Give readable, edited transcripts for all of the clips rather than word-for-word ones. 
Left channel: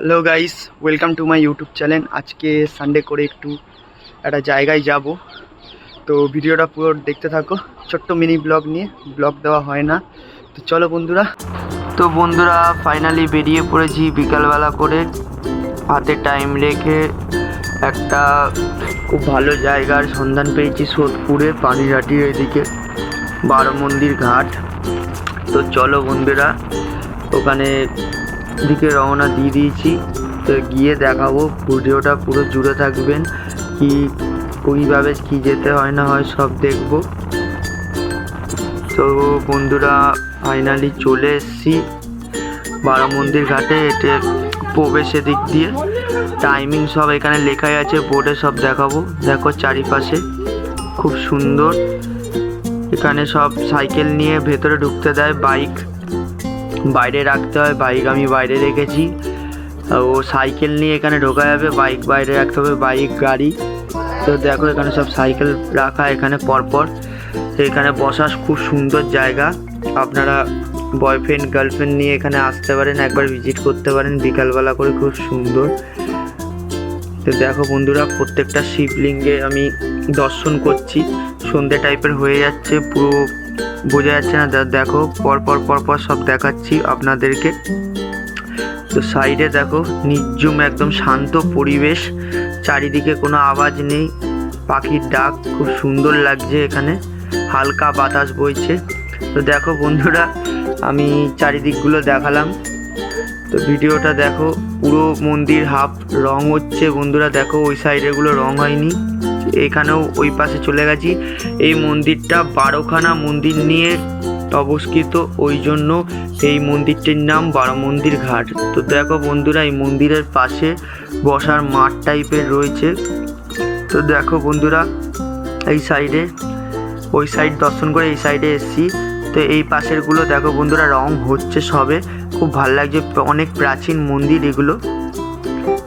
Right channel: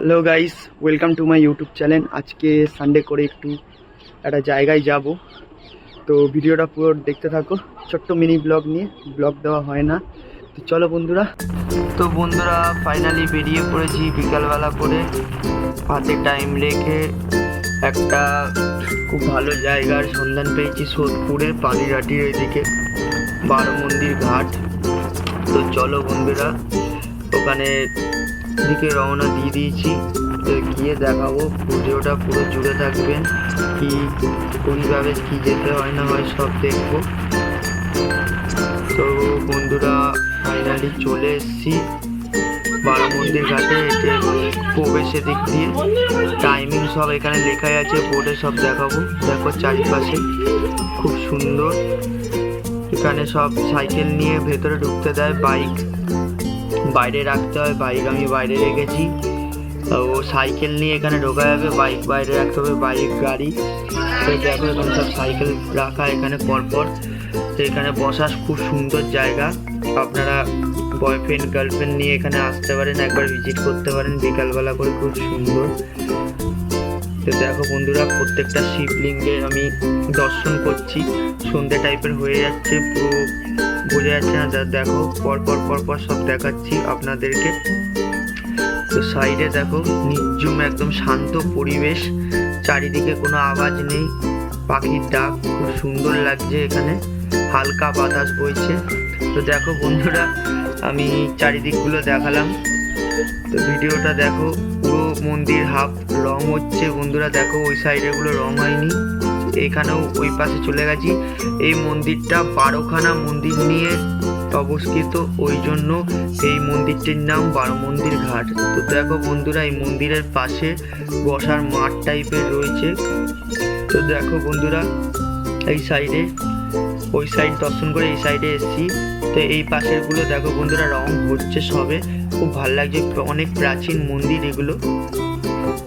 Hello guys, welcome to my YouTube channel. আজকে Sunday করে একটু একটা জায়গায় যাব, তো ভিডিওটা পুরো দেখতে থাকো। ছোট্ট মিনি ব্লগ নিয়ে, ব্লগ দেওয়া হয় না, তো চলো বন্ধুরা। তো বন্ধুরা ফাইনালি বেরিয়ে পড়েছি বিকালবেলা করে, হাতে টাইম রেখে একটা খুব ভালো জায়গার সন্ধান পেয়েছি সোদপুরে, পানিঘাটির এদিকে বারো মন্দির ঘাট। তো চলো বন্ধুরা, ওখানে দিকে রওনা দিয়ে দিয়েছি। তো গিয়ে দেখাবো, ভিডিওটা পুরো জুড়ে থাকবেন। কি কীভাবে কী যেতে হয় না হয় সব দেখব। তো বন্ধুরা ফাইনালি চলে এসেছি বারো মন্দির ঘাটে। এটা প্রবেশের দিক দিয়ে টাইমিং সব এখানে লেখাই আছে বোর্ডে, সব দেখাবো। দেখো চারিপাশে খুব সুন্দর। এখানে সব সাইকেল নিয়ে ভেতরে ঢুকতে দেয়, বাইক বাইরে রাখতে হয়। বাইক আমি বাইরে রেখেছি, ও সাইকেল নিয়ে এখানে ঢোকা যাবে, বাইক বাইরে রাখতে হবে, বাইক গাড়ি। তো দেখো এখানে সব সাইকেল রাখা এখানে পরপর। তো এখানে বসার খুব সুন্দর জায়গা, আপনারা বয়ফ্রেন্ড গার্লফ্রেন্ড নিয়ে এখানে আসতে পারেন, একবার ভিজিট করতে পারেন বিকালবেলা করে, খুব সুন্দর। তো দেখো বন্ধুরা, প্রত্যেকটা শিবলিঙ্গে আমি দর্শন করছি। সন্ধে টাইপের হয়ে যাচ্ছে, পুরো বোঝা যাচ্ছে না, দেখো পরপর সব দেখাচ্ছি আপনাদেরকে। তো সাইডে দেখো নির্জুম একদম শান্ত পরিবেশ, চারিদিকে কোনো আওয়াজ নেই, পাখির ডাক খুব সুন্দর লাগছে। এখানে হালকা বাতাস বইছে। তো দেখো বন্ধুরা, আমি চারিদিকগুলো দেখালাম। তো ভিডিওটা দেখো, পুরো মন্দির হাফ রং হচ্ছে বন্ধুরা। দেখো ওই সাইডেগুলো রং হয়নি, এখানেও ওই পাশে চলে গেছি। এই মন্দিরটা 12খানা মন্দির নিয়ে অবস্থিত, ওই জন্য এই মন্দিরটির নাম বারো মন্দির ঘাট। তো দেখো বন্ধুরা, এই মন্দিরের পাশে বসার মাঠ টাইপের রয়েছে। তো দেখো বন্ধুরা, এই সাইডে ওই সাইড দর্শন করে এই সাইডে এসেছি। তো এই পাশেরগুলো দেখো বন্ধুরা, রং হচ্ছে সবে, খুব ভালো লাগছে, অনেক প্রাচীন মন্দির এগুলো।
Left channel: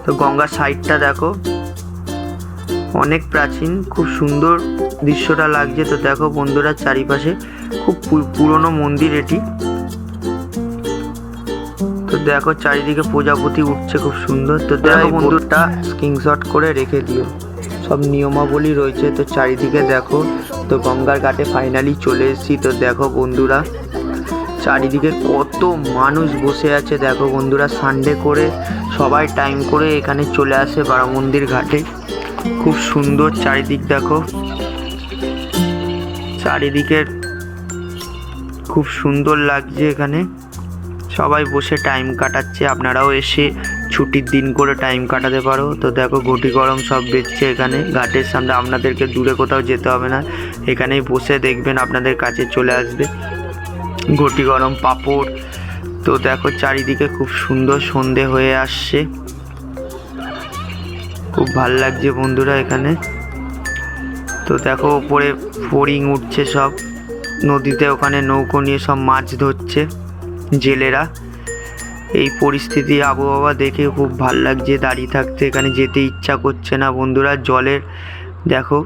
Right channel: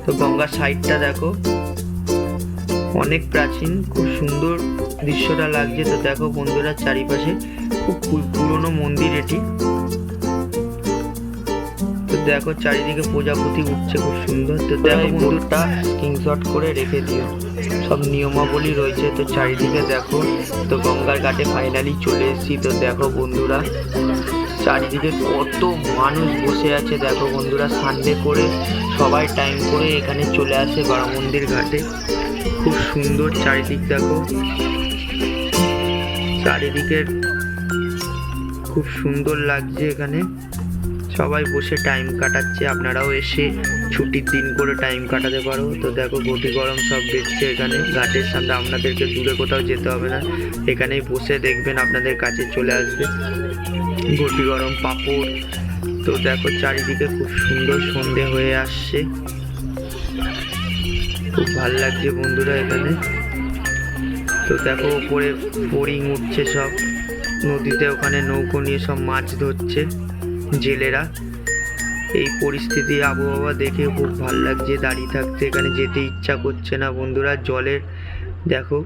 তো গঙ্গার সাইডটা দেখো অনেক প্রাচীন, খুব সুন্দর দৃশ্যটা লাগছে। তো দেখো বন্ধুরা, চারিপাশে খুব পুরনো মন্দির এটি। তো দেখো চারিদিকে প্রজাপতি উঠছে, খুব সুন্দর। তো দেখো বন্ধুটা স্ক্রিনশট করে রেখে দিও, সব নিয়মাবলী রয়েছে। তো চারিদিকে দেখো, তো গঙ্গার ঘাটে ফাইনালি চলে এসেছি। তো দেখো বন্ধুরা, চারিদিকে কত মানুষ বসে আছে। দেখো বন্ধুরা, সানডে করে সবাই টাইম করে এখানে চলে আসে বারো মন্দির ঘাটে। খুব সুন্দর চারিদিক, দেখো চারিদিকের খুব সুন্দর লাগছে। এখানে সবাই বসে টাইম কাটাচ্ছে, আপনারাও এসে ছুটির দিন করে টাইম কাটাতে পারো। তো দেখো ঘটি গরম সব বেচছে এখানে ঘাটের সামনে, আপনাদেরকে দূরে কোথাও যেতে হবে না, এখানেই বসে দেখবেন আপনাদের কাছে চলে আসবে ঘটি গরম, পাঁপড়। তো দেখো চারিদিকে খুব সুন্দর, সন্ধে হয়ে আসছে, খুব ভাল লাগছে বন্ধুরা এখানে। তো দেখো ওপরে ফড়িং উঠছে সব নদীতে, ওখানে নৌকো নিয়ে সব মাছ ধরছে জেলেরা। এই পরিস্থিতি আবহাওয়া দেখে খুব ভাল লাগছে, দাঁড়িয়ে থাকতে এখানে যেতে ইচ্ছা করছে না বন্ধুরা। জলের দেখো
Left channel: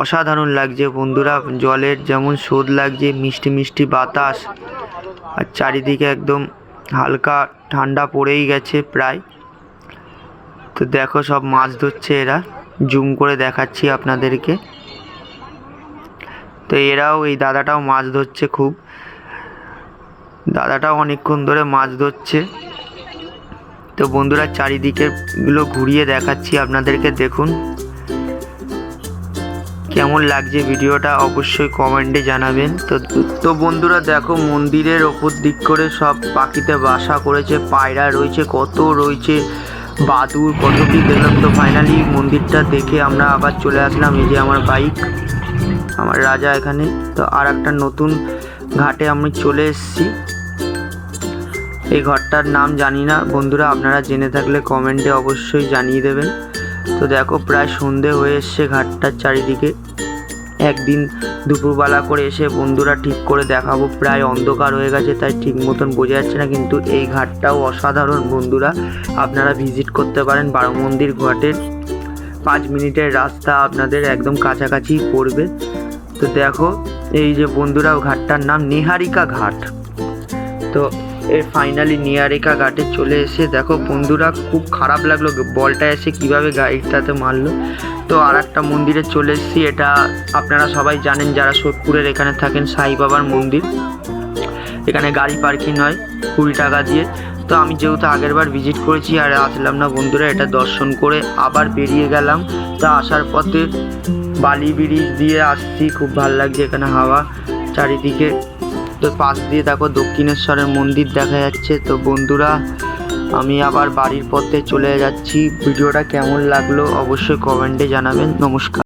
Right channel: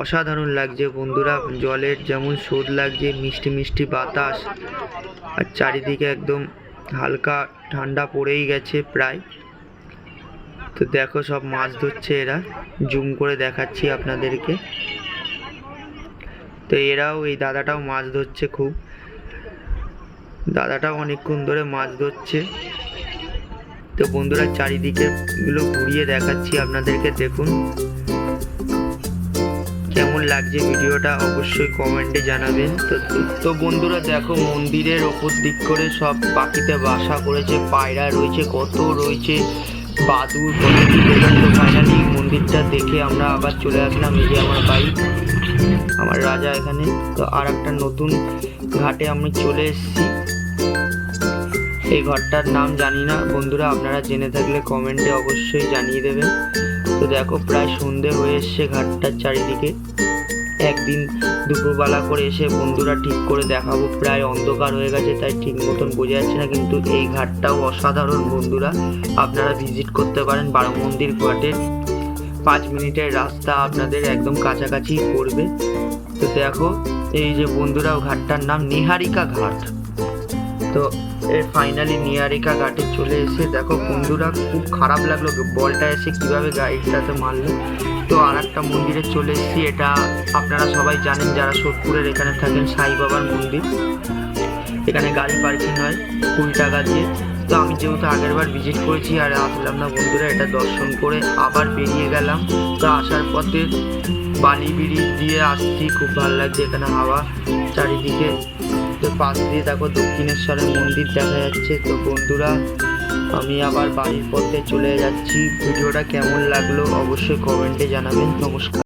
অসাধারণ লাগছে বন্ধুরা, জলের যেমন স্রোত লাগছে, মিষ্টি মিষ্টি বাতাস, আর চারিদিকে একদম হালকা ঠান্ডা পড়েই গেছে প্রায়। তো দেখো সব মাছ ধরছে এরা, জুম করে দেখাচ্ছি আপনাদেরকে। তো এরাও, এই দাদাটাও মাছ ধরছে, খুব দাদাটাও অনেকক্ষণ ধরে মাছ ধরছে। তো বন্ধুরা চারিদিকের গুলো ঘুরিয়ে দেখাচ্ছি আপনাদেরকে, দেখুন কেমন লাগছে ভিডিওটা অবশ্যই কমেন্টে জানাবেন। তো বন্ধুরা দেখো, মন্দিরের ওপর দিক করে সব পাখিতে বাসা করেছে, পায়রা রয়েছে, কত রয়েছে, বাদুর, কত কি দেখলাম। তো ফাইনালি মন্দিরটা দেখে আমরা আবার চলে আসলাম, এই যে আমার বাইক, আমার রাজা এখানে। তো আর একটা নতুন ঘাটে আমি চলে এসেছি। এই ঘরটার নাম জানি না বন্ধুরা, আপনারা জেনে থাকলে কমেন্টে অবশ্যই জানিয়ে দেবেন। তো দেখো প্রায় সন্ধে হয়ে এসছে ঘাটটার চারিদিকে। একদিন দুপুরবেলা করে এসে বন্ধুরা ঠিক করে দেখাবো, প্রায় অন্ধকার হয়ে গেছে তাই ঠিক মতন বোঝা যাচ্ছে না, কিন্তু এই ঘাটটাও অসাধারণ বন্ধুরা, আপনারা ভিজিট করতে পারেন। বারো মন্দির ঘাটের 5 মিনিটের রাস্তা আপনাদের একদম কাছাকাছি পড়বে। তো দেখো এই যে বন্ধুরা, ঘাটটার নাম নিহারিকা ঘাট। তো ফাইনালি নিয়ারেকা ঘাটে চলে এসে দেখো বন্ধুরা, খুব খারাপ লাগলো বলটা এসে কিভাবে গাড়িটাতে মারলো। তো আর একটা মন্দিরে চলে এসেছি, এটা আপনারা সবাই জানেন যারা সোদপুরের এখানে থাকেন, সাই বাবার মন্দির। এখানে গাড়ি পার্কিং হয় 20 টাকা দিয়ে। তো আমি যেহেতু আগের বার ভিজিট করেছি আর আসলাম না বন্ধুরা, এটা দর্শন করে আবার বেরিয়ে গেলাম। তো আসার পথে বালি ব্রিজ দিয়ে আসছি, খুব ভালো লাগছে এখানে হাওয়া চারিদিকে। তো পাশ দিয়ে দেখো দক্ষিণেশ্বরের মন্দির দেখা যাচ্ছে। তো বন্ধুরা, আমি আবার বাড়ির পথে চলে যাচ্ছি। ভিডিওটা কেমন লাগলো অবশ্যই কমেন্টে জানাবেন। নমস্কার।